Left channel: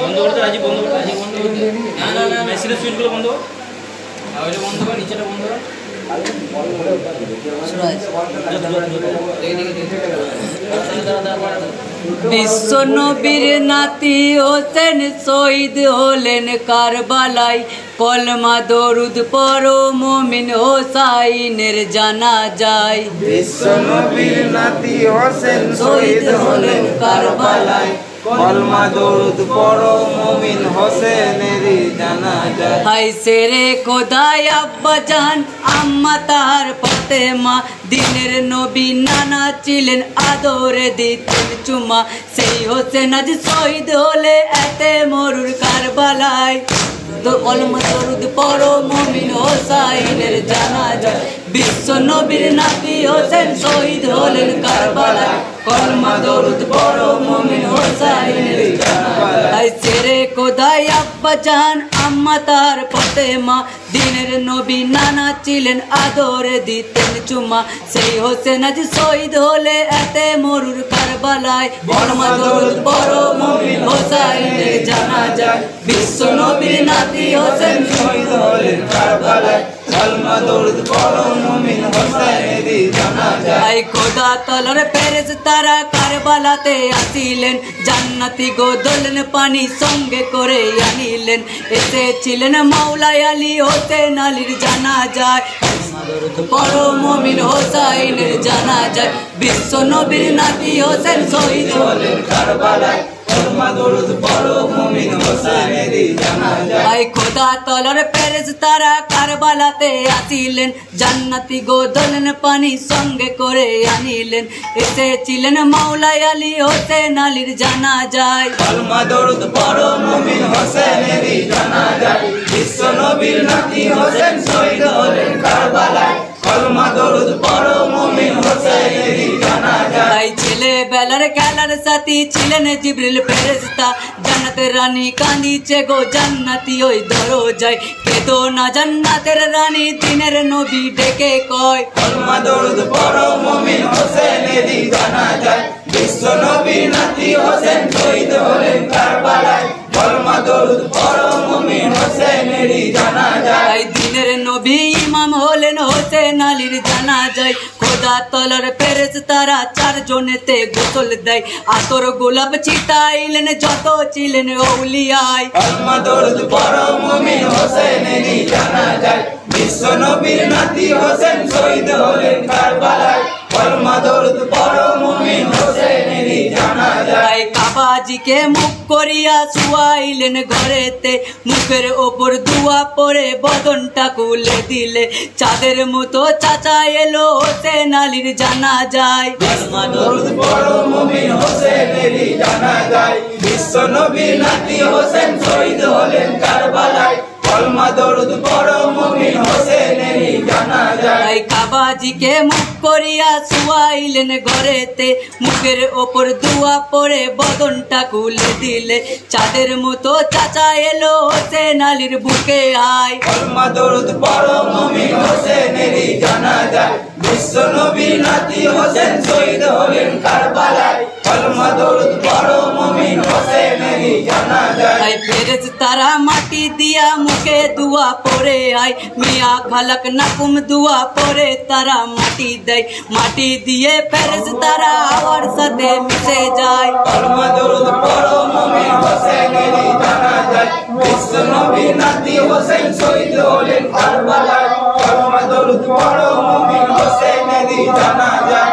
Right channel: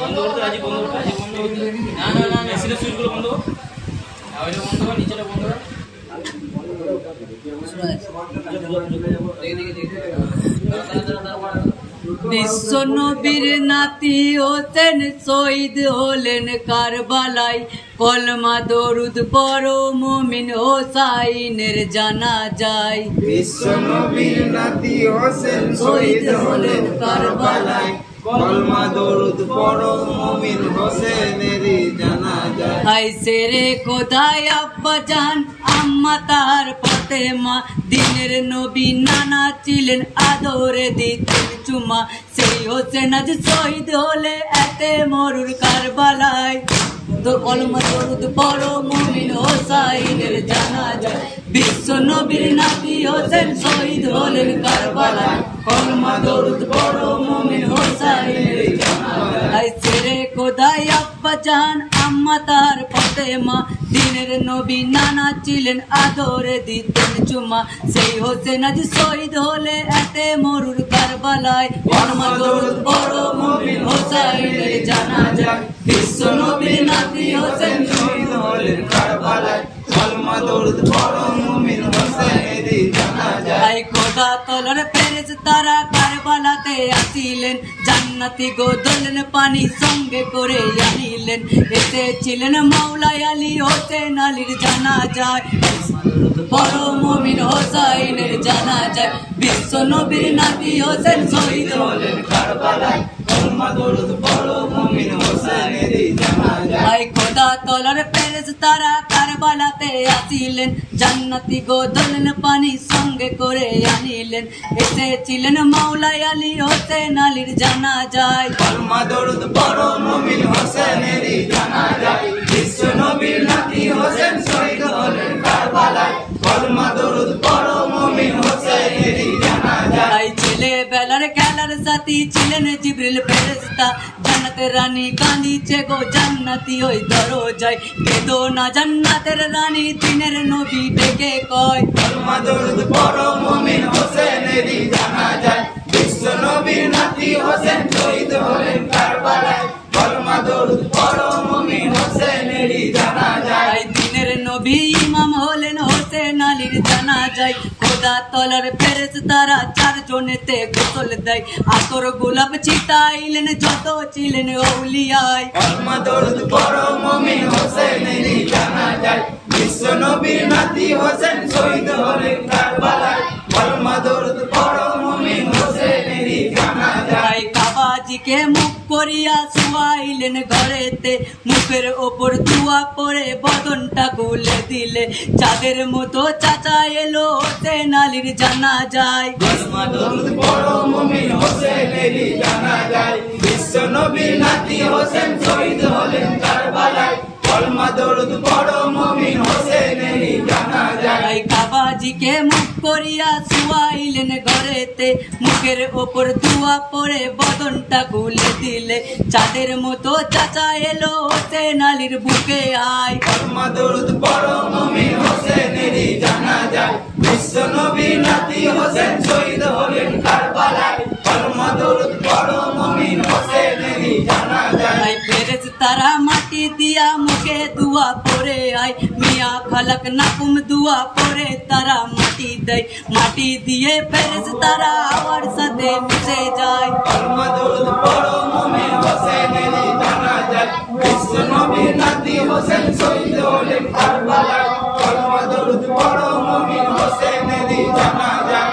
বন্ধ করতে রাজি, বন্ধ করতে রাজি, বন্ধ করতে। না না না মেশিনের সুইচগুলো বন্ধ কর, আর ওইটা বন্ধ কর, নিচেটা বন্ধ কর। বিশ্ব নবীর নাতি হোসেন শহীদ হলেন কারবালায়, কলমা দরুদ পড়ো মুমিন হোসাইনের জানাজায়। বিশ্ব নবীর নাতি হোসেন শহীদ হলেন কারবালায়, কলমা দরুদ পড়ো মুমিন হোসেনের জানাজায়। হাই সেরে খোদায় আব্বা জান আম্মা তার ফাতেমা, দিনের নবী নানা ছিলেন আদরে দিতেন চুমা, সেই হোসেন আজ শহীদ হলে এতে মরুর কারবালায়, তো কলমা দরুদ পড়ো মুমিন হোসাইনের জানাজায়। বিশ্ব নবীর নাতি হোসেন শহীদ হলেন কারবালায়, কলমা দরুদ পড়ো মুমিন হোসাইনের জানাজায়। সেরে খোদায় আব্বা জান আম্মা তার ফাতেমা, দিনের নবী নানা ছিলেন আদরে দিতেন চুমা, সেই হোসেন আজ শহীদ হলে এতে মরুর কারবালায়, কলমা দরুদ পড়ো মুমিন হোসাইনের জানাজায়। বিশ্ব নবীর নাতি হোসেন শহীদ হলেন কারবালায়, কলমা দরুদ পড়ো মুমিন হোসেনের জানাজায়। খোদা তলার ফেরেশতারা কারবালাতে আসিলেন, জান্নাতি গোদলেন পানি সঙ্গে করে আনিলেন, এসেছিলেন মাওলা আলী হোসেন আলীর জানাজায়, পড়ো মুমিন হোসাইনের জানাজায়। বিশ্ব নবীর নাতি হোসেন শহীদ হলেন কারবালায়, কলমা দরুদ পড়ো মুমিন হোসেনের জানাজায়। খোদা তলার ফেরেশতারা কারবালাতে আসিলেন, জান্নাতি গোদলেন পানি সঙ্গে করে আনিলেন, এসেছিলেন মাওলা আলী হোসেন আলীর জানাজায়, কলমা দরুদ পড়ো মুমিন হোসেনের জানাজায়। বিশ্ব নবীর নাতি হোসেন শহীদ হলেন কারবালায়, কলমা দরুদ পড়ো মুমিন হোসেনের জানাজায়। ছেলে বেলার খেলার সাথী ছিলেন জিবরিল ফেরেশতা, জান্নাতের রানী কাঁদিছে গো জান্নাতি ওই দরজায়, কেঁদো না জান্নাতের রানী দিনের নবী ডেকে কয়, কলমা দরুদ পড়ো মুমিন হোসেনের জানাজায়। বিশ্ব নবীর নাতি হোসেন শহীদ হলেন কারবালায়, কলমা দরুদ পড়ো মুমিন হোসেনের জানাজায়। দিনের নবী ইমাম হলেন হোসেন আলীর জানাজায়, খোদা তলার ফেরেশতারা চারজনেতে গোসল দেয়, আতর গোলাপ ছিটাইলেন যত ছিলেন আউলিয়ায়, কলমা দরুদ পড়ো মুমিন হোসেনের জানাজায়। বিশ্ব নবীর নাতি হোসেন শহীদ হলেন কারবালায়, কলমা দরুদ পড়ো মুমিন হোসেনের জানাজায়। কাবাজিকে মুখ করিয়া শুয়াইলেন ঘরেতে, মুখের ওপর দুয়া পরে বদনটা খুলে দিলে, চাঁদের মতো চাচা এলো হোসেন আলীর জানাজায়, কলমা দরুদ পড়ো মুমিন হোসেনের জানাজায়। বিশ্ব নবীর নাতি হোসেন শহীদ হলেন কারবালায়, কলমা দরুদ পড়ো মুমিন হোসেনের জানাজায়। কাবাজিকে মুখ করিয়া শুয়াইলেন ঘরেতে, মুখের ওপর দুয়া পরে বদনটা খুলে দিলে, চাঁদের মতো চাচা এলো হোসেন আলীর বুকে আয়, কলমা দরুদ পড়ো মুমিন হোসেনের জানাজায়। বিশ্ব নবীর নাতি হোসেন শহীদ হলেন কারবালায়, কলমা দরুদ পড়ো মুমিন হোসেনের জানাজায়। ফেরেশতারা মাটি দিয়া মুখে দুয়া পরে আয়, মিয়া খালাক নাকুম দুয়া পরে তারা মাটি দেয়, মাটি দিয়ে ফেরেশতারা হাওয়ার সাথে মিশে যায়, কলমা দরুদ পড়ো মুমিন হোসেনের জানাজায়। বিশ্ব নবীর নাতি হোসেন শহীদ হলেন কারবালায়, কলমা দরুদ পড়ো মুমিন হোসেনের জানাজায়।